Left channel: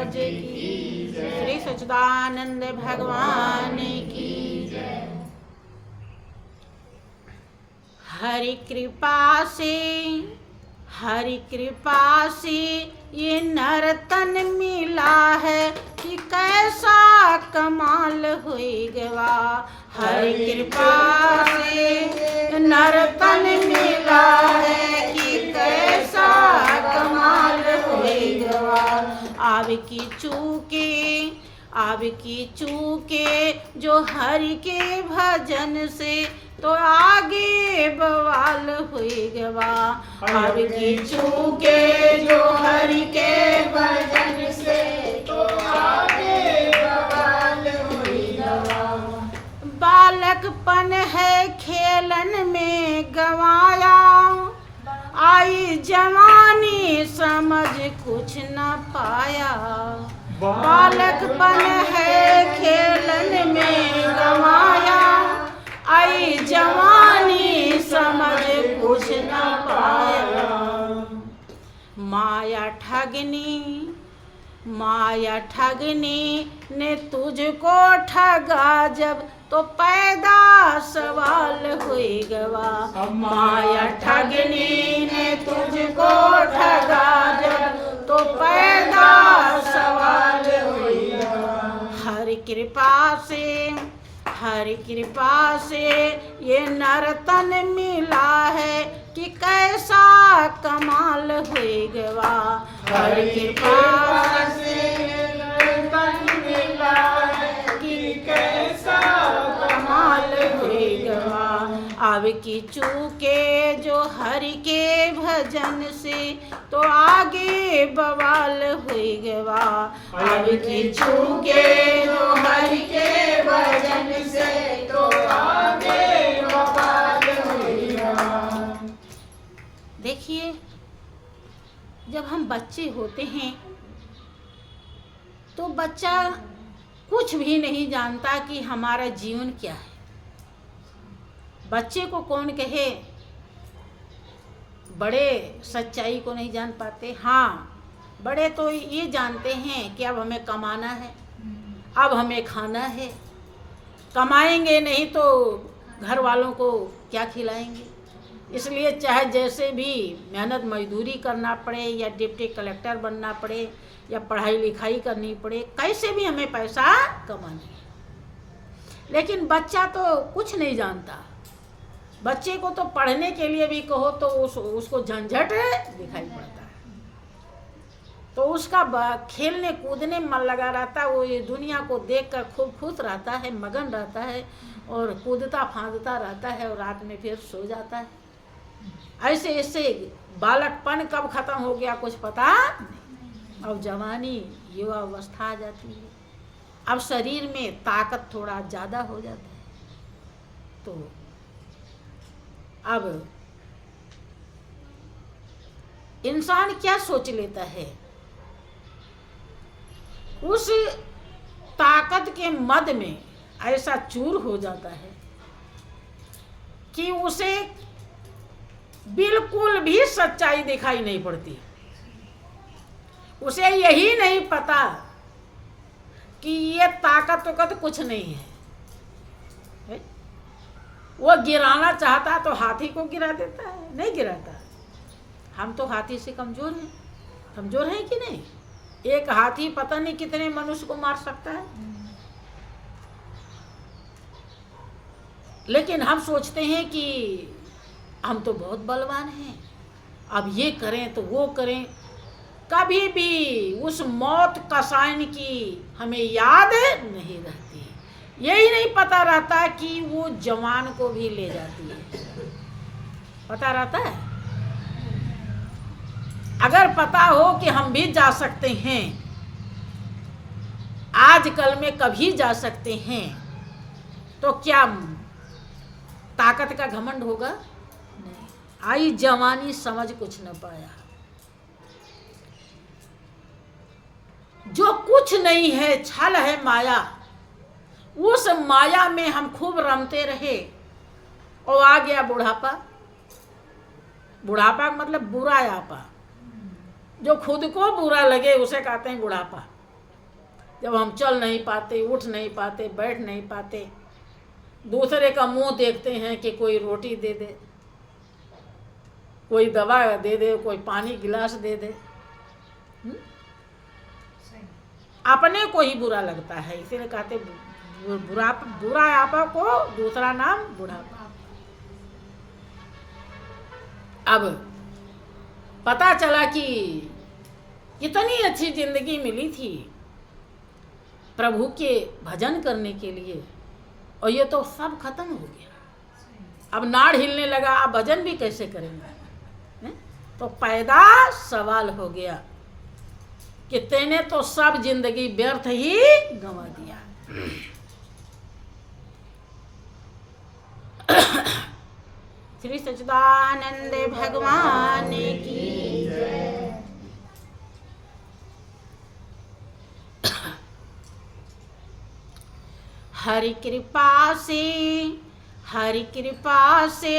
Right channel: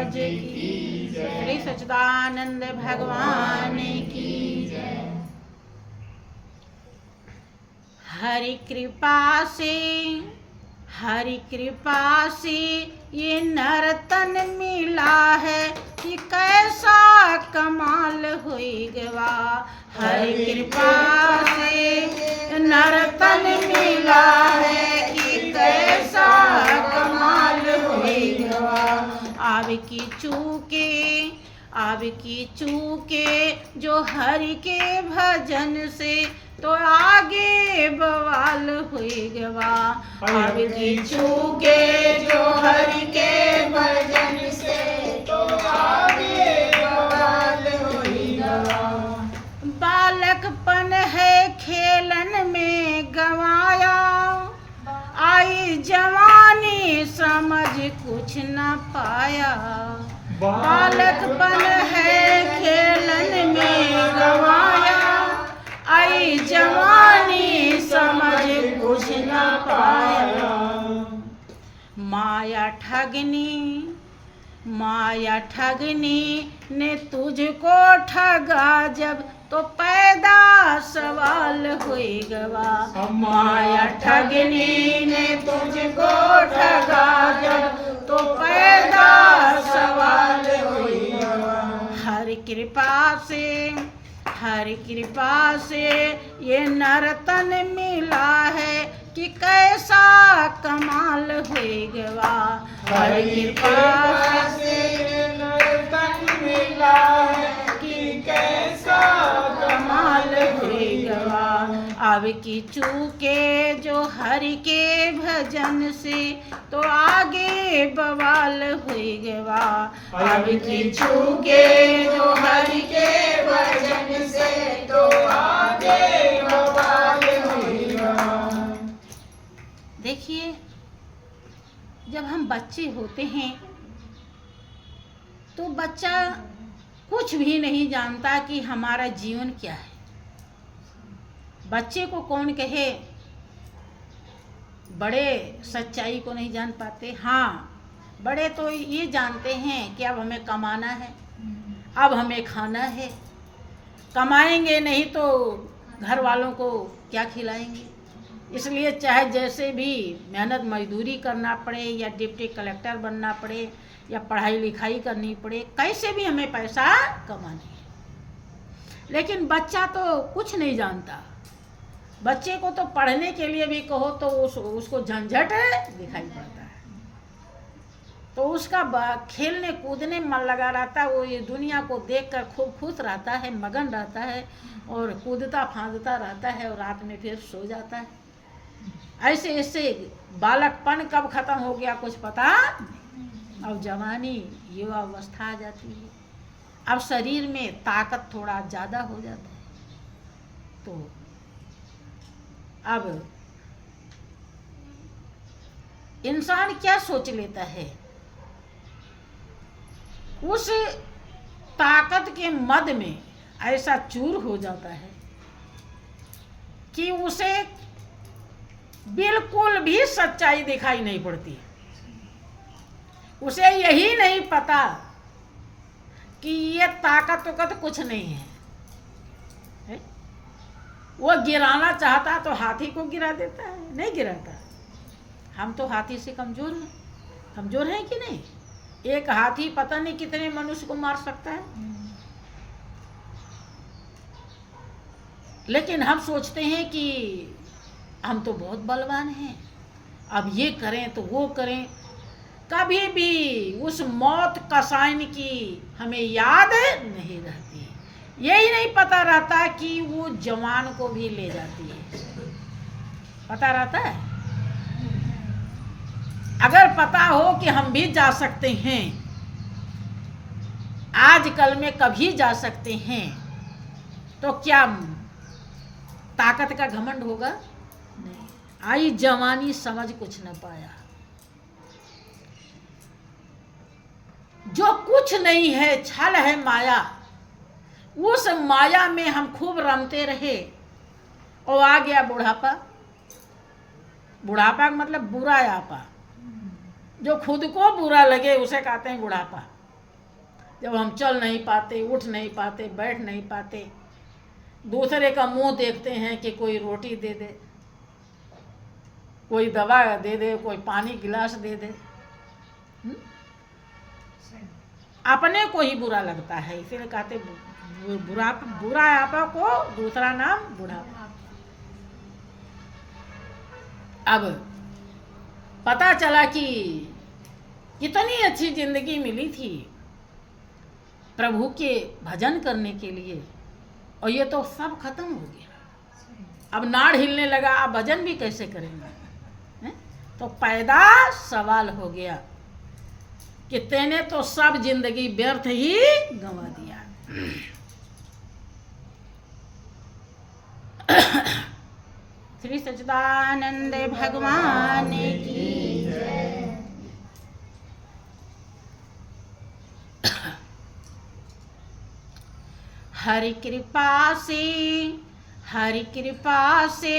महाराज की जय। श्री सच्चिदानंद भगवान की जय। हरि कृपा से ये नर्तन मिला है कि कैसा कमाल हुई गवा। हरि कृपा से नर्तन मिला है कि कैसा कमाल हुई गवा। आपकी चूके जो हरि के भजन से तो आगे बवाल हुई गवा। आपकी चूके जो हरि के भजन से तो आगे बवाल हुई गवा। बालकपन है खेलन में गवाया, आई जवानी समझ कुछ न पाया। बालकपन है खेलन में गवाया, आई जवानी समझ कुछ न पाया। माया ठगनी ने तुझको ठगा जब तो पैदा सवाल हुई गवा। माया ठगनी ने तुझको ठगा जब तो पैदा सवाल हुई गवा। हरि कृपा से ये नर्तन मिला है कि कैसा कमाल हुई गवा। हरि कृपा से नर्तन मिला है कि कैसा कमाल हुई गवा। अब की चूके जो हरि के भजन से तो आगे बवाल हुई गवा। अब की चूके जो हरि के भजन से तो आगे बवाल हुई गवा। देखिए, जब हम बच्चे होते हैं तो बच्चा कुछ भी नहीं जानता कि हमारा जीवन क्या है। बच्चे को कौन कहे, बड़े सच्चाई को नहीं जान पाते। हाँ, बड़े तो ये जानते हैं कि अब हमें कमाना है, अब हमें खाना है। कमाएंगे नहीं तो घर वालों को क्या खिलाएंगे। इसलिए चाहे जैसे भी मेहनत मजदूरी करना पड़े या डिप्टी कलेक्टर बनना पड़े या पढ़ाई लिखाई करनी पड़े, कैसे भी हमें पैसा कमाना। लेकिन बच्चा तो कुछ नहीं जानता। बच्चे को तो पढ़ने के लिए भी कहो तो उसको झंझट दिखाई पड़ता है। तो उसका खेलने कूदने में मन लगा रहता है। वो ये दुनिया को देखकर खूब खुश रहता है, मगन रहता है और कूदता फांदता रहता है और रात में फिर सो जाता है। ऐसे ऐसे बालकपन कब खत्म हो गया कुछ पता नहीं। अब जवानी युवा अवस्था आ जाती है, अब शरीर में ताकत थोड़ा ज़्यादा हो जाता है। तो अब इंसान क्या सोच लेता है, उस ताकत के मद में ऐसा चूर हो जाता है कि उसे बिल्कुल भी सच्चाई दिखाई नहीं पड़ती। उसे यही नहीं पता कि ये ताकत कुछ नहीं है। वो गिराना चाहता तो हाथी को गिरा देता है, नहीं गिराता। हम तो हाथी से कमजोर हैं। कमजोर हैं कि नहीं? एक हाथी पता नहीं कितने मनुष्य को मार सकता है। लेकिन हम सोचते हैं कि हम तो बहुत बलवान हैं, अब ये करें तो वो करें। कभी भी उस मौत कसाइन की हमें याद नहीं रहती। यही नहीं पता रहता कि वो जवान को भी ले जाती है। पता रहता है? अगर पता हो कि हम भी जा सकते हैं, आजकल में कभी जा सकते हैं, तो क्या ताकत का घमंड होगा? नहीं। आई जवानी समझ कुछ न पाया। जो कुछ नहीं है छल है माया, उस माया में हम खूब रमते रहे और आ गया बुढ़ापा। बुढ़ापा मतलब बुरा आपा। जो खुद को बुरा लगे उसे कहते हैं बुढ़ापा। जब हम चल नहीं पाते, उठ नहीं पाते, बैठ नहीं पाते, दूसरे का मुंह देखते हैं कि कोई रोटी दे दे, कोई दवा दे दे, कोई पानी गिलास दे दे, अपने को ही बुरा लगता है। इसीलिए कहते बुरा आपा को दूसरा नाम बुढ़ापा। अब पता चला कि कितनी अच्छी जिंदगी मिली थी प्रभु के भजन करने के लिए, और ये तो सब खत्म हो गया। अब नाड़ हिलने लगा, अब भजन भी कैसे करेंगे? तो पैदा सवाल हो गया कि तेने तो सब जिंदगी व्यर्थ ही गंवा दिया। श्री सच्चिदानंद भगवान की जय। हरि कृपा से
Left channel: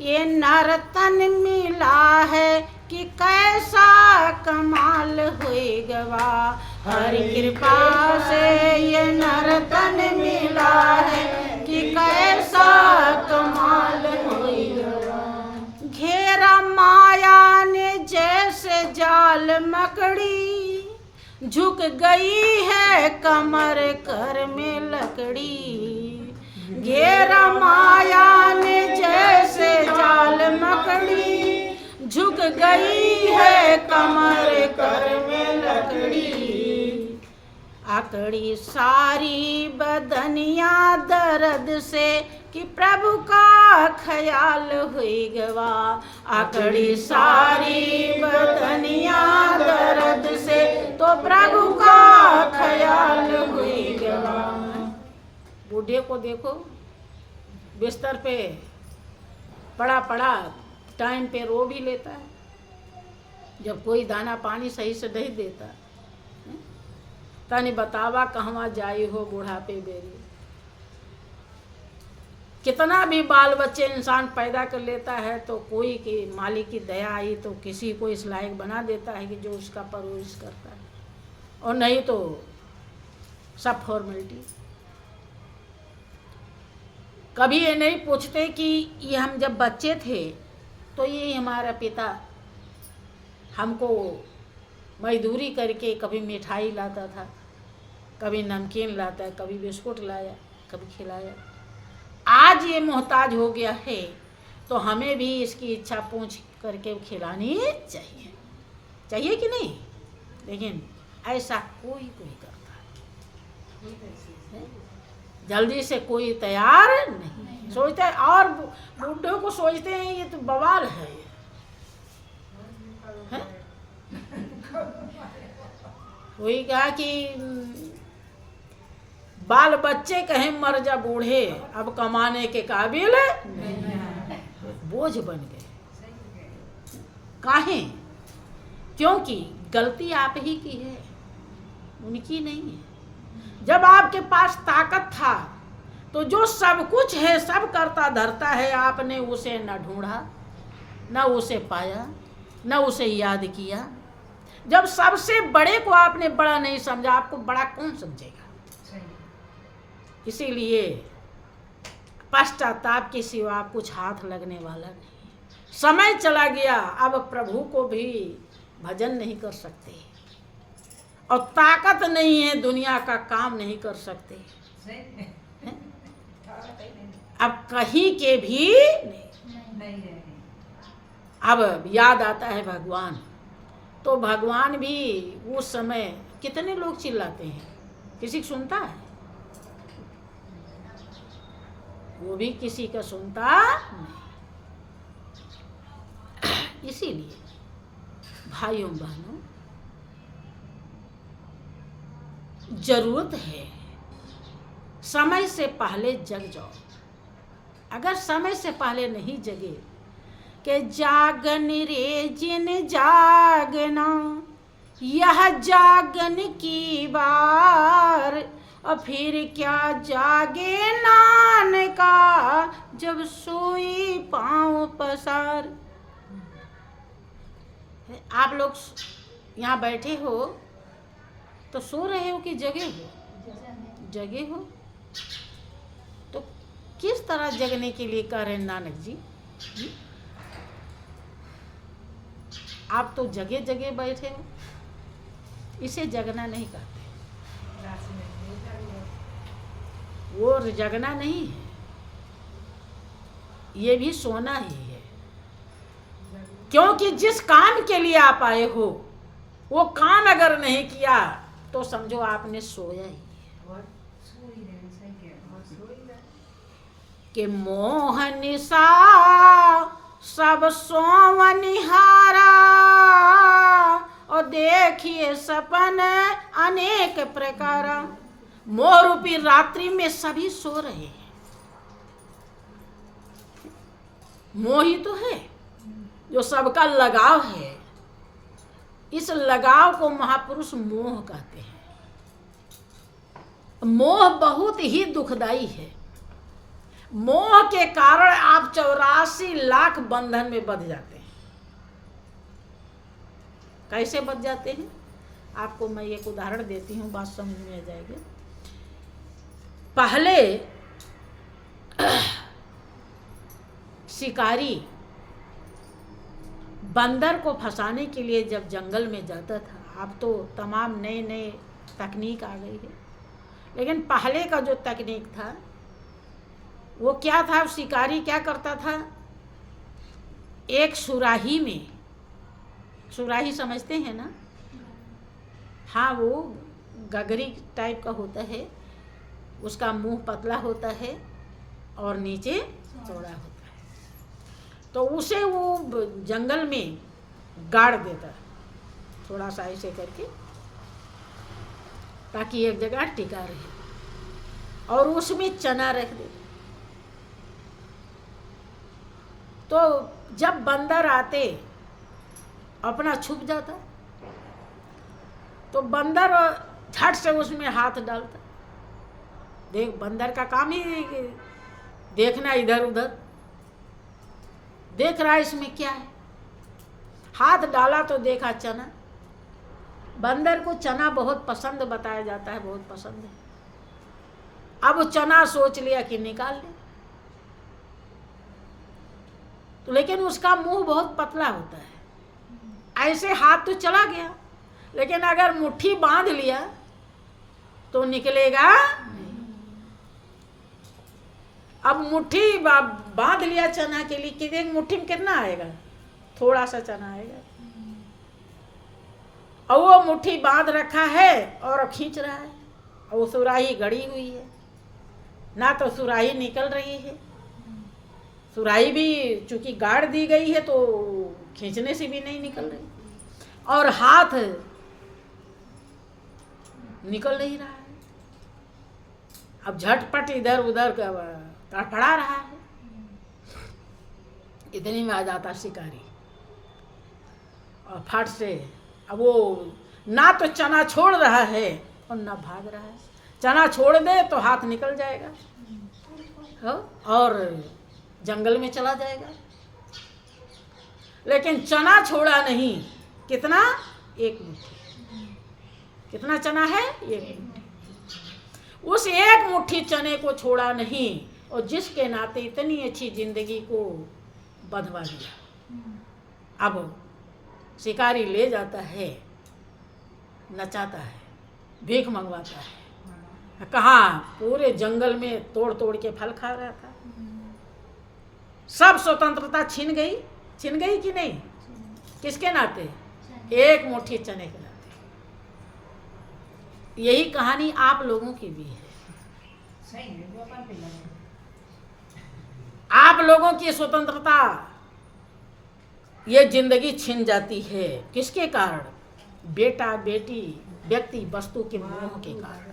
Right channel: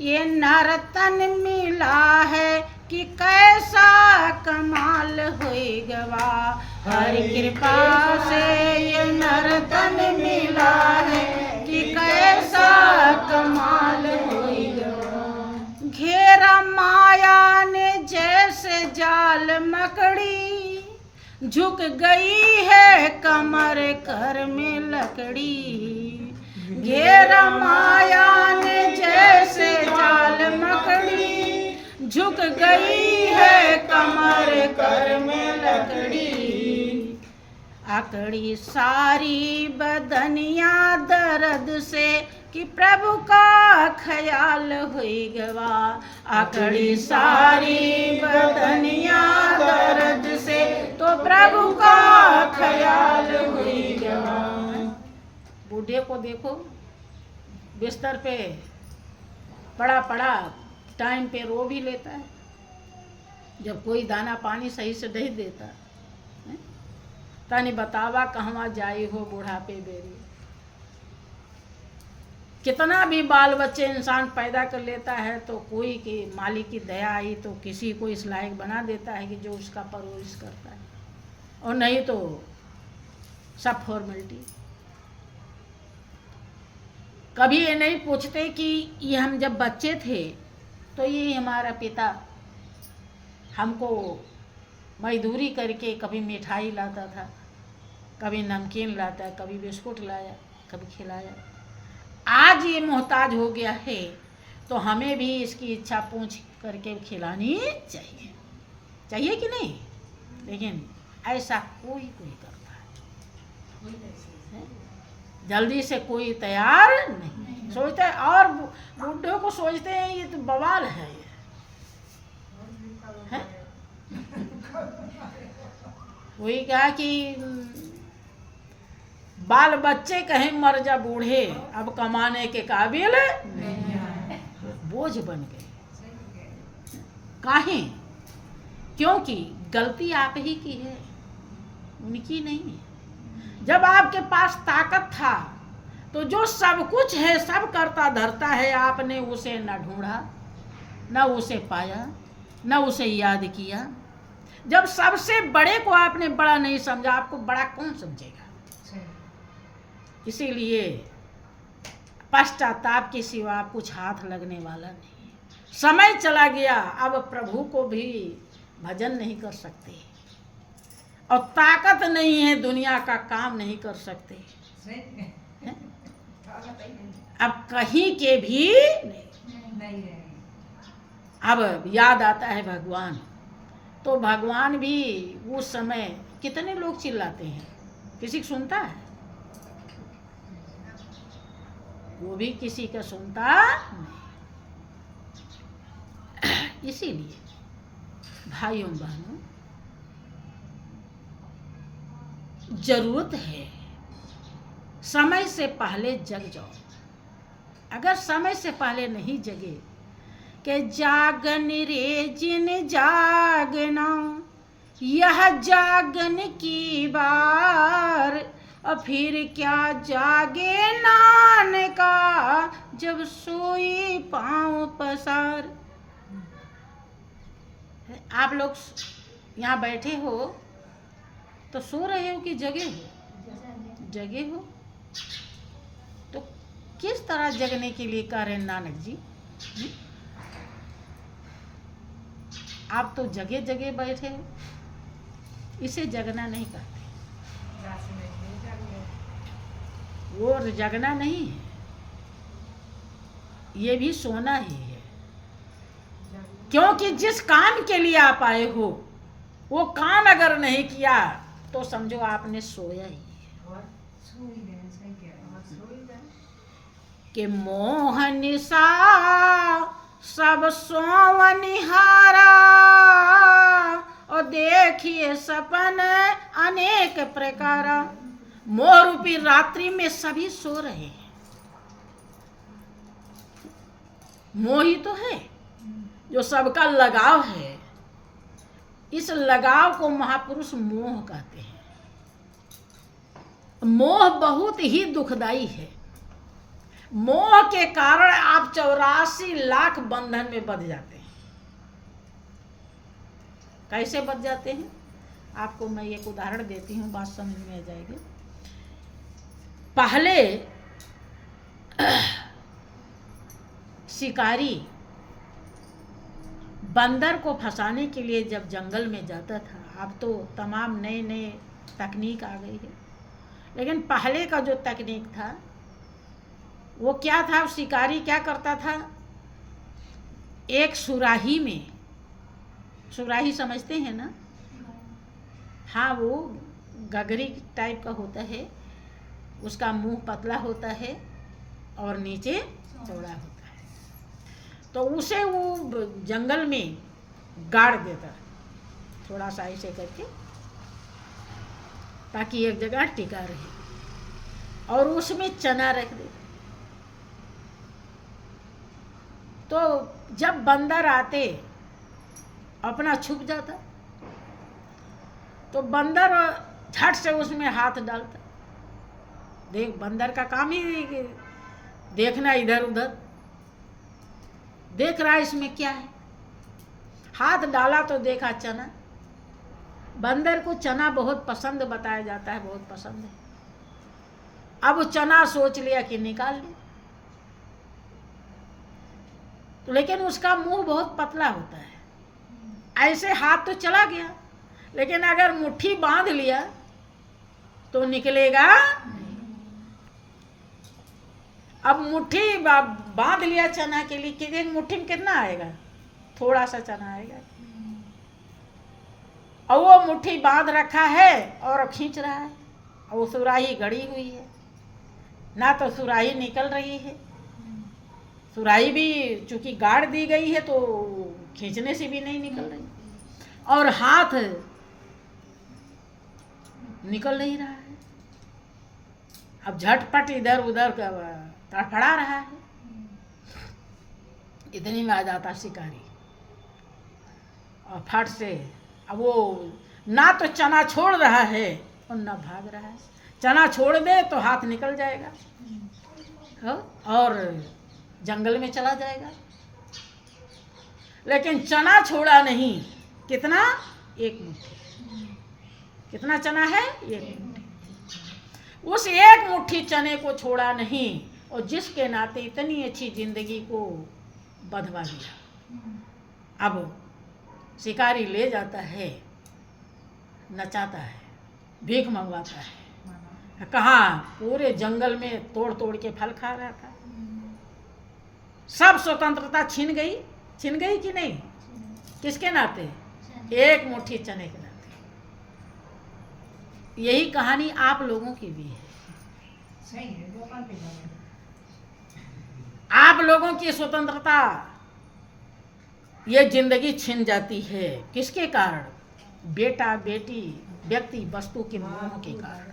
ये नर तन मिला है कि कैसा कमाल होएगा। हरि कृपा से ये नर तन मिला है कि कैसा कमाल होएगा। घेरा माया ने जैसे जाल मकड़ी, झुक गई है कमर कर में लकड़ी। घेरा माया ने जैसे जाल मकड़ी, झुक गई है कमर कर में लकड़ी। आकड़ी सारी बदनिया दर्द से कि प्रभु का ख्याल हुई गवा। आकड़ी सारी बदनिया दर्द से तो प्रभु का ख्याल हुई गवा। बूढ़े को देखो बिस्तर पे पड़ा पड़ा टाइम पे रो भी लेता है, जब कोई दाना पानी सही से नहीं देता। तनी बतावा कहवा जाई हो बुढ़ापे बेरी। कितना भी बाल बच्चे इंसान पैदा कर लेता है तो कोई की मालिक की दया आई तो किसी को इस लायक बना देता है कि जो उसका परवरिश करता है, और नहीं तो सब फॉर्मेलिटी। कभी ये नहीं पूछते कि ये हम जब बच्चे थे तो ये हमारा पिता हमको मजदूरी करके कभी मिठाई लाता था, कभी नमकीन लाता, कभी बिस्कुट लाया, कभी खिलाया। आज ये मोहताज हो गया है तो हमें भी इसकी इच्छा पूछ करके खिलानी चाहिए, चाहिए कि नहीं? लेकिन ऐसा कोई करता है, जल्दी से कोई तैयार नहीं। सोचते हैं, और बूढ़ों को सोचते हैं ये तो बवाल है, है? वही कहा कि बाल बच्चे कहें मर जा बूढ़े, अब कमाने के काबिल बोझ बन गए। काहे? क्योंकि गलती आप ही की है, उनकी नहीं है। जब आपके पास ताकत था तो जो सब कुछ है सब करता धरता है, आपने उसे न ढूंढा, न उसे पाया, न उसे याद किया। जब सबसे बड़े को आपने बड़ा नहीं समझा, आपको बड़ा कौन समझेगा? इसीलिए पश्चाताप के सिवा कुछ हाथ लगने वाला नहीं। समय चला गया, अब प्रभु को भी भजन नहीं कर सकते, और ताकत नहीं है, दुनिया का काम नहीं कर सकते, अब कहीं के भी नहीं। अब याद आता है भगवान, तो भगवान भी उस समय कितने लोग चिल्लाते हैं, किसी को सुनता है? वो भी किसी का सुनता नहीं। इसीलिए भाइयों बहनों, जरूरत है समय से पहले जग जाओ। अगर समय से पहले नहीं जगे कि जागन रे जिन जागना, यह जागन की बार, और फिर क्या जागे नान का, जब सोई पांव पसार। आप लोग यहाँ बैठे हो तो सो रहे हो कि जगे हो? जगे हो। तो किस तरह जगने के लिए कह रहे हैं नानक जी? आप तो जगे जगे बैठे हो, इसे जगना नहीं कहते। वो जगना नहीं है, ये भी सोना ही है। क्योंकि जिस काम के लिए आप आए हो वो काम अगर नहीं किया तो समझो आपने सोया ही। कि मोह निशा सब सोवनिहारा और देखिए सपन अनेक प्रकार। मोह रूपी रात्रि में सभी सो रहे हैं। मोह ही तो है जो सबका लगाव है। इस लगाव को महापुरुष मोह कहते हैं। मोह बहुत ही दुखदाई है। मोह के कारण आप 84 लाख बंधन में बंध जाते हैं। कैसे बंध जाते हैं? आपको मैं एक उदाहरण देती हूँ, बात समझ में आ जाएगी। पहले शिकारी बंदर को फंसाने के लिए जब जंगल में जाता था, अब तो तमाम नए नए तकनीक आ गई है, लेकिन पहले का जो तकनीक था वो क्या था? शिकारी क्या करता था? एक सुराही में, सुराही समझते हैं ना? हाँ, वो गगरी टाइप का होता है, उसका मुंह पतला होता है और नीचे चौड़ा होता है। तो उसे वो जंगल में गाड़ देता थोड़ा सा ऐसे करके, ताकि एक जगह टिका रहे, और उसमें चना रख देता। तो जब बंदर आते अपना छुप जाता, तो बंदर झट से उसमें हाथ डालता। देख, बंदर का काम ही देखना, इधर उधर देख रहा है इसमें क्या है। हाथ डाला तो देखा चना। बंदर को चना बहुत पसंद बताया जाता है, बहुत पसंद है। अब वो चना सोच लिया कि निकाल ले, तो लेकिन उसका मुंह बहुत पतला होता है। ऐसे हाथ तो चला गया, लेकिन अगर मुट्ठी बांध लिया तो निकलेगा। अब मुट्ठी बांध लिया चना के लिए, कि मुट्ठी में कितना आएगा? थोड़ा सा चना आएगा। और वो मुट्ठी बांध रखा है और खींच रहा है, और वो सुराही गड़ी हुई है, ना तो सुराही निकल रही है। सुराही भी चूंकि गाड़ दी गई है तो खींचने से भी नहीं निकल रही, और हाथ निकल नहीं रहा है। अब झटपट इधर उधर तड़फड़ा रहा है। इतनी में आ जाता शिकारी और फट से, अब वो ना तो चना छोड़ रहा है और ना भाग रहा है। चना छोड़ दे तो हाथ निकल जाएगा और जंगल में चला जाएगा, लेकिन चना छोड़ा नहीं। कितना? एक मुट्ठी। कितना चना है? एक मुट्ठी। उस एक मुट्ठी चने को छोड़ा नहीं, और जिसके नाते इतनी अच्छी जिंदगी को बंधवा दिया। अब शिकारी ले जाता है, नचाता है, भीख मंगवाता है। कहाँ? पूरे जंगल में तोड़ तोड़ के फल खा रहा था। सब स्वतंत्रता छीन गई। छीन गई कि नहीं? किसके नाते? एक मुट्ठी चने के नाते। यही कहानी आप लोगों की भी है। आप लोगों की स्वतंत्रता, ये जिंदगी छिन जाती है। किसके कारण? बेटा बेटी, व्यक्ति वस्तु के मोह के कारण।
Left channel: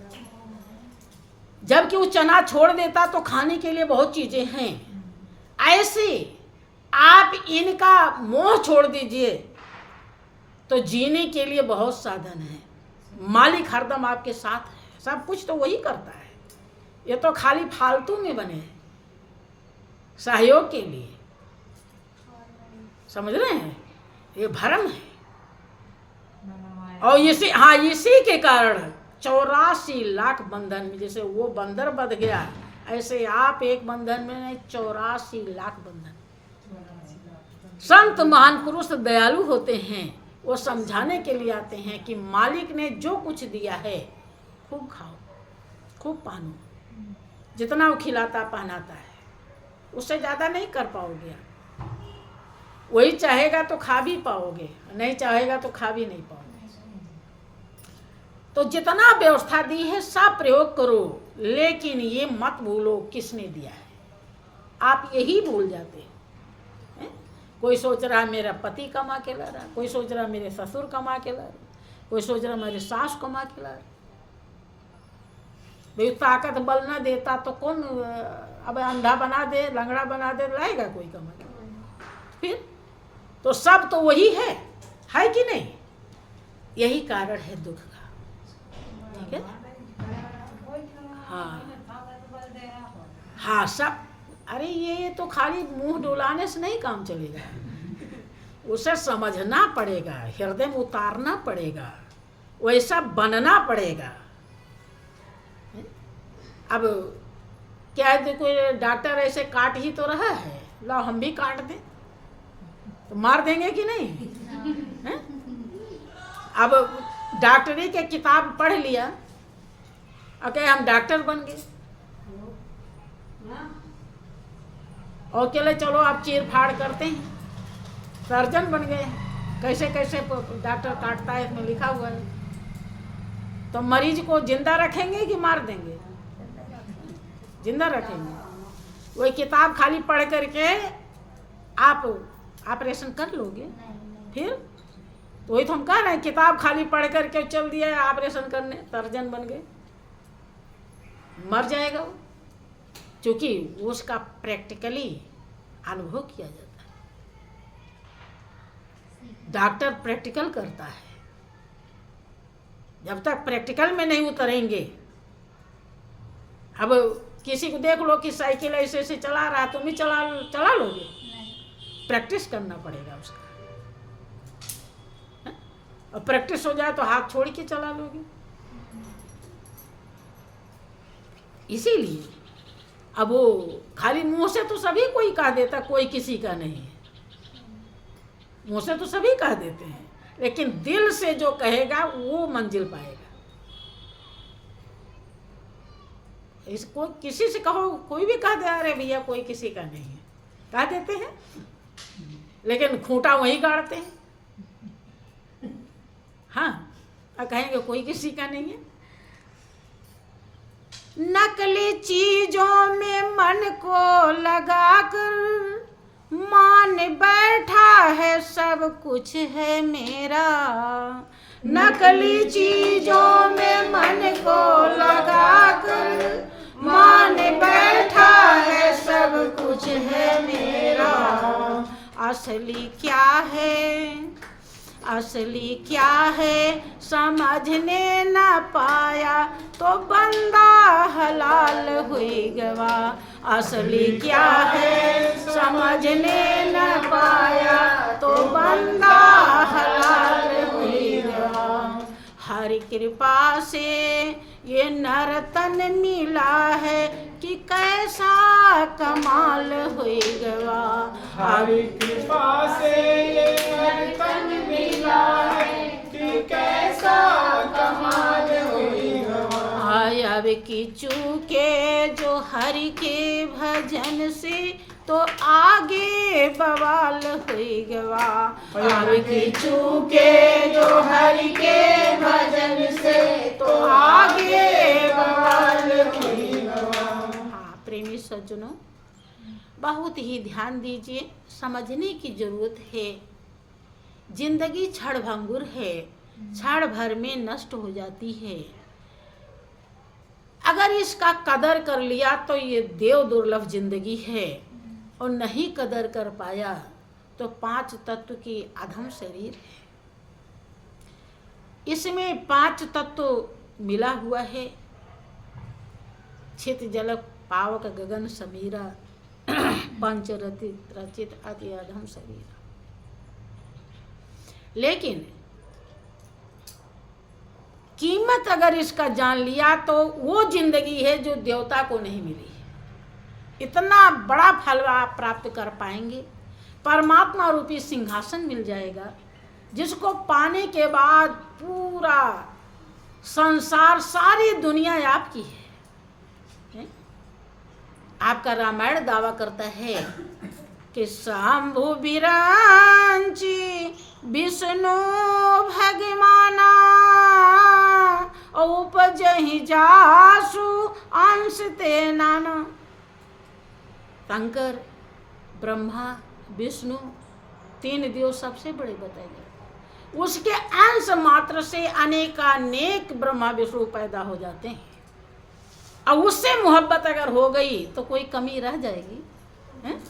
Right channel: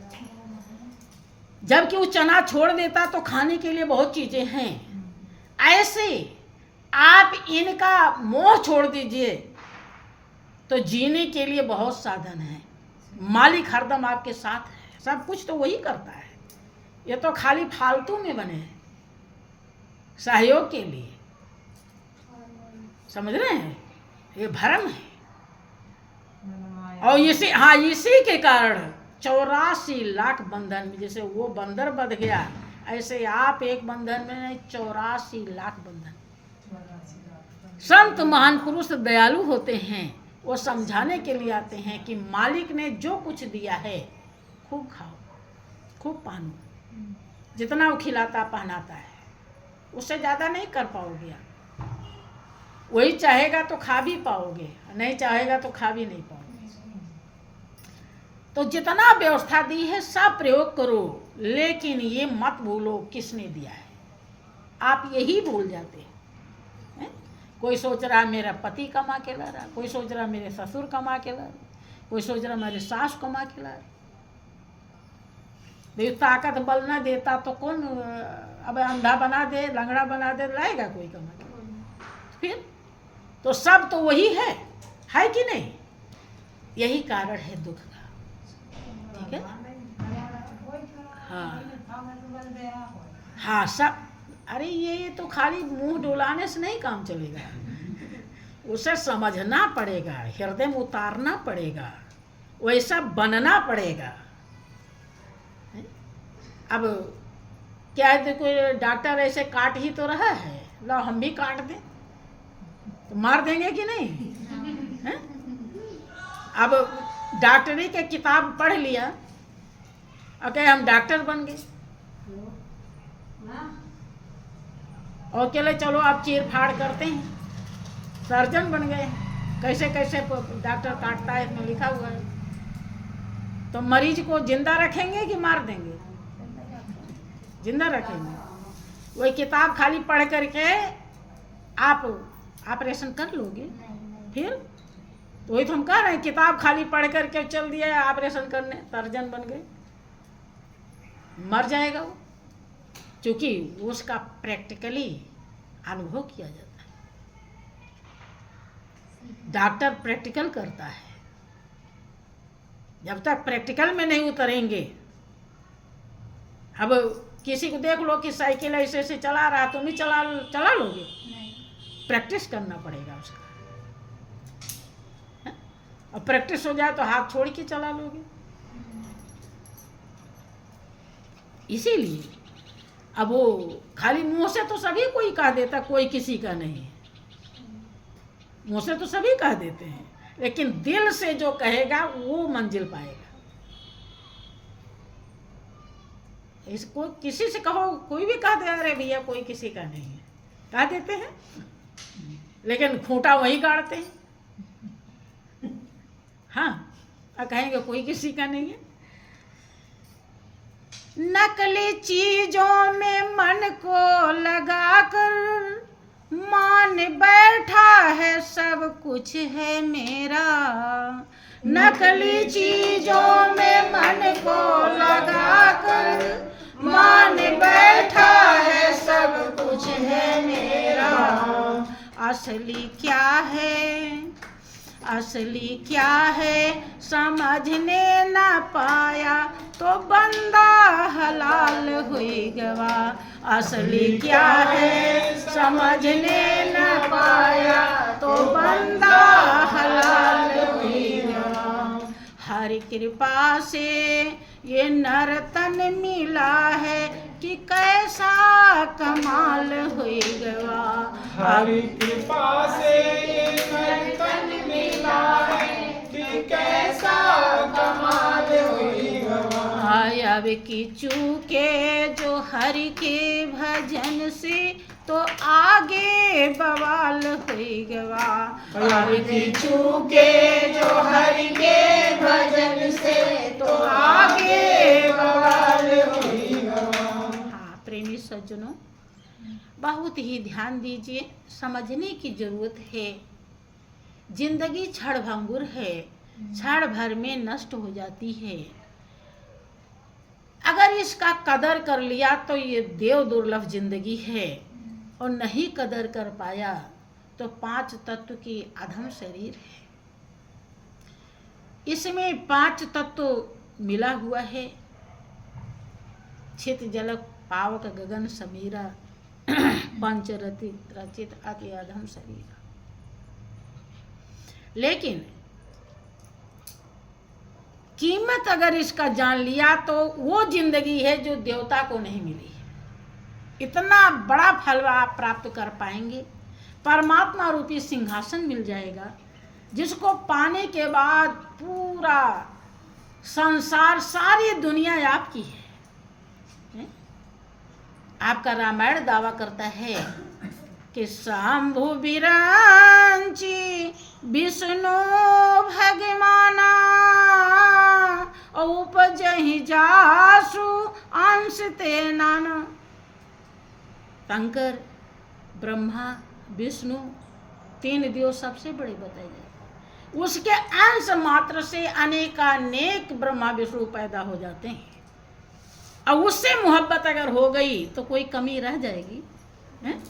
जबकि वो चना छोड़ देता तो खाने के लिए बहुत चीजें हैं। ऐसे आप इनका मोह छोड़ दीजिए तो जीने के लिए बहुत साधन है। मालिक हरदम आपके साथ है, सब कुछ तो वही करता है। ये तो खाली फालतू में बने हैं, सहयोग के लिए। समझ रहे हैं? ये भ्रम है। और इसी के कारण 84 लाख बंधन में, जैसे वो बंदर बंध गया ऐसे आप एक बंधन में नहीं 84 लाख बंधन। संत महान पुरुष दयालु होते हैं, वो समझाने के लिए आते हैं कि मालिक ने जो कुछ दिया है खूब खाओ, खूब पहनो, जितना वो खिलाता पहनाता है उससे ज़्यादा नहीं कर पाओगे आप। वही चाहेगा तो खा भी पाओगे, नहीं चाहेगा तो खा भी नहीं पाओगे। तो जितना व्यवस्था दी है सब प्रयोग करो, लेकिन ये मत भूलो किसने दिया है। आप यही भूल जाते हैं। कोई सोच रहा है मेरा पति कमा के ला रहा, कोई सोच रहा मेरे ससुर कमा के ला रहा, कोई सोच रहा मेरे सास कमा के ला रहा। भाई ताकत बल न देता तो कौन, अब अंधा बना दे, लंगड़ा बना दे, लाएगा कोई कमा के? फिर तो सब तो वही है कि नहीं? यही कारण है दुख का। ठीक है? हाँ सब। अरे ये तो खाली मुंह डोलाने से नहीं काम चलेगा, उसे समझना पड़ेगा, हृदय में उतारना पड़ेगा, वैसा बनना पड़ेगा। अब क्या है, कोई डॉक्टर ऐसे काट ही तो रहा है, लो हम भी काट दें तो मार देंगे कि नहीं? है? अब डॉक्टरी के किताब पढ़ लिया और कहे हम डॉक्टर बन गए, और चले चलो आप चीर फाड़ करते हैं, सर्जन बन गए। कैसे कैसे डॉक्टर काटता है इसमें लिखा हुआ है। तो मरीज को जिंदा रखेंगे कि मार देंगे? जिंदा रखेंगे। वही किताब खाली पढ़ करके आप ऑपरेशन कर लोगे? फिर तो वही तो हम कह रहे हैं, किताब खाली पढ़ करके चल दिया ऑपरेशन करने, सर्जन बन गए, मर जाएगा वो, क्योंकि उसका प्रैक्टिकली अनुभव किया जाता है। डॉक्टर प्रैक्टिकल करता है, जब तक प्रैक्टिकल में नहीं उतरेंगे। अब किसी को देख लो कि साइकिल ऐसे ऐसे चला रहा, तुम ही चला लोगे? प्रैक्टिस करना पड़ेगा उसका, और प्रैक्टिस हो जाए तो हाथ छोड़ के चला लोगे। इसीलिए अब वो खाली मुंह से तो सभी कोई कह देता, कोई किसी का नहीं है। मुंह से तो सभी कह देते हैं, लेकिन दिल से जो कहेगा वो मंजिल पाएगा। इसको किसी से कहो, कोई भी कह दे अरे भैया कोई किसी का नहीं है, कह देते हैं, लेकिन खूंटा वही गाड़ते हैं। हाँ, और कहेंगे कोई किसी का नहीं है। नकली चीजों में मन को लगाकर मान बैठा है सब कुछ है मेरा। नकली चीजों में मन को लगाकर मान बैठा है सब कुछ है मेरा। असली क्या है, असली क्या है समझने न पाया तो बंदा हलाल हुई गवा। असली क्या है समझने न पाया तो बंदा हलाल हुई गवा। हर कृपा से ये नर तन मिला है कि कैसा कमाल हुई गवा। हर कृपा से ये नर तन मिला है कि कैसा कमाल हुई गवा। अब की चूके जो हरि के भजन से तो आगे बवाल हुई गवा। अब की चूके जो हरि के भजन से तो आगे बवाल हुई गवा। हाँ प्रेमी सज्जनों, बहुत ही ध्यान दीजिए, समझने की जरूरत है। जिंदगी क्षणभंगुर है, क्षण भर में नष्ट हो जाती है। अगर इसका कदर कर लिया तो ये देव दुर्लभ जिंदगी है, और नहीं कदर कर पाया तो 5 तत्व की अधम शरीर है। इसमें 5 तत्व मिला हुआ है, छित जल पावक गगन समीरा पंचरति रचित अति अधम शरीर। लेकिन कीमत अगर इसका जान लिया तो वो जिंदगी है जो देवता को नहीं मिली। इतना बड़ा फल आप प्राप्त कर पाएंगे, परमात्मा रूपी सिंहासन मिल जाएगा, जिसको पाने के बाद पूरा संसार, सारी दुनिया आपकी है? आपका रामायण दावा करता है कि शंभु बिरांची विष्णु भगवाना उपजहि जासु अंश ते नाना। शंकर, ब्रह्मा, विष्णु, 3 देव सबसे बड़े बताए गए। उसके अंश मात्र से अनेकानेक ब्रह्मा विष्णु पैदा हो जाते हैं। और उससे मोहब्बत अगर हो गई तो कोई कमी रह जाएगी? हैं?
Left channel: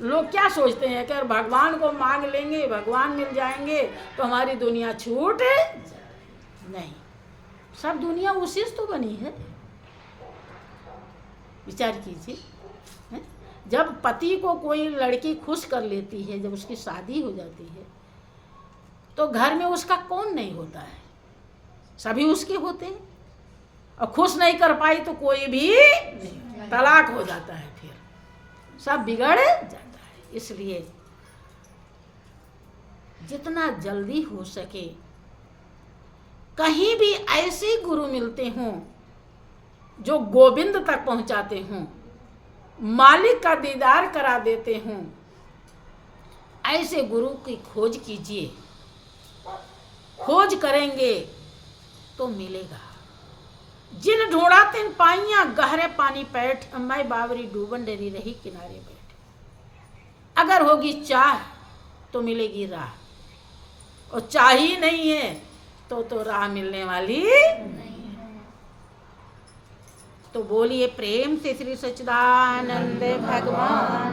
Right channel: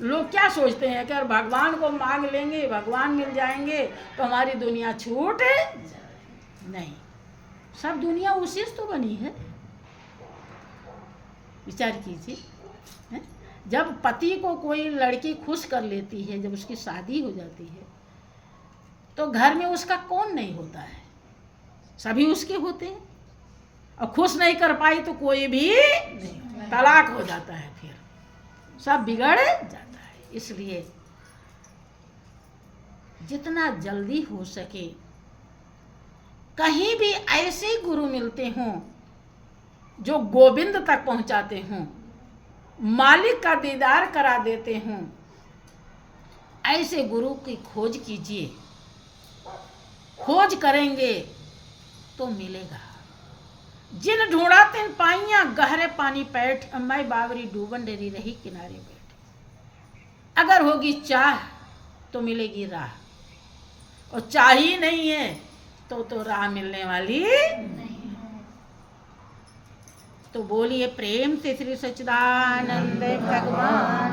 लोग क्या सोचते हैं कि अगर भगवान को मांग लेंगे, भगवान मिल जाएंगे तो हमारी दुनिया छूट नहीं। सब दुनिया उसी से तो बनी है। विचार कीजिए, जब पति को कोई लड़की खुश कर लेती है, जब उसकी शादी हो जाती है, तो घर में उसका कौन नहीं होता है? सभी उसके होते हैं। और खुश नहीं कर पाई तो कोई भी तलाक हो जाता है, फिर सब बिगड़ जाता है। इसलिए जितना जल्दी हो सके कहीं भी ऐसे गुरु मिलते हों जो गोविंद तक पहुंचाते हों, मालिक का दीदार करा देते हों, ऐसे गुरु की खोज कीजिए। खोज करेंगे तो मिलेगा। जिन ढूंढा तिन पाइयां गहरे पानी पैठ, मैं बावरी डूबन डेरी रही किनारे बैठ। अगर होगी चाह तो मिलेगी राह, और चाह ही नहीं है तो राह मिलने वाली नहीं। तो बोलिए प्रेम से श्री सच्चिदानंद भगवान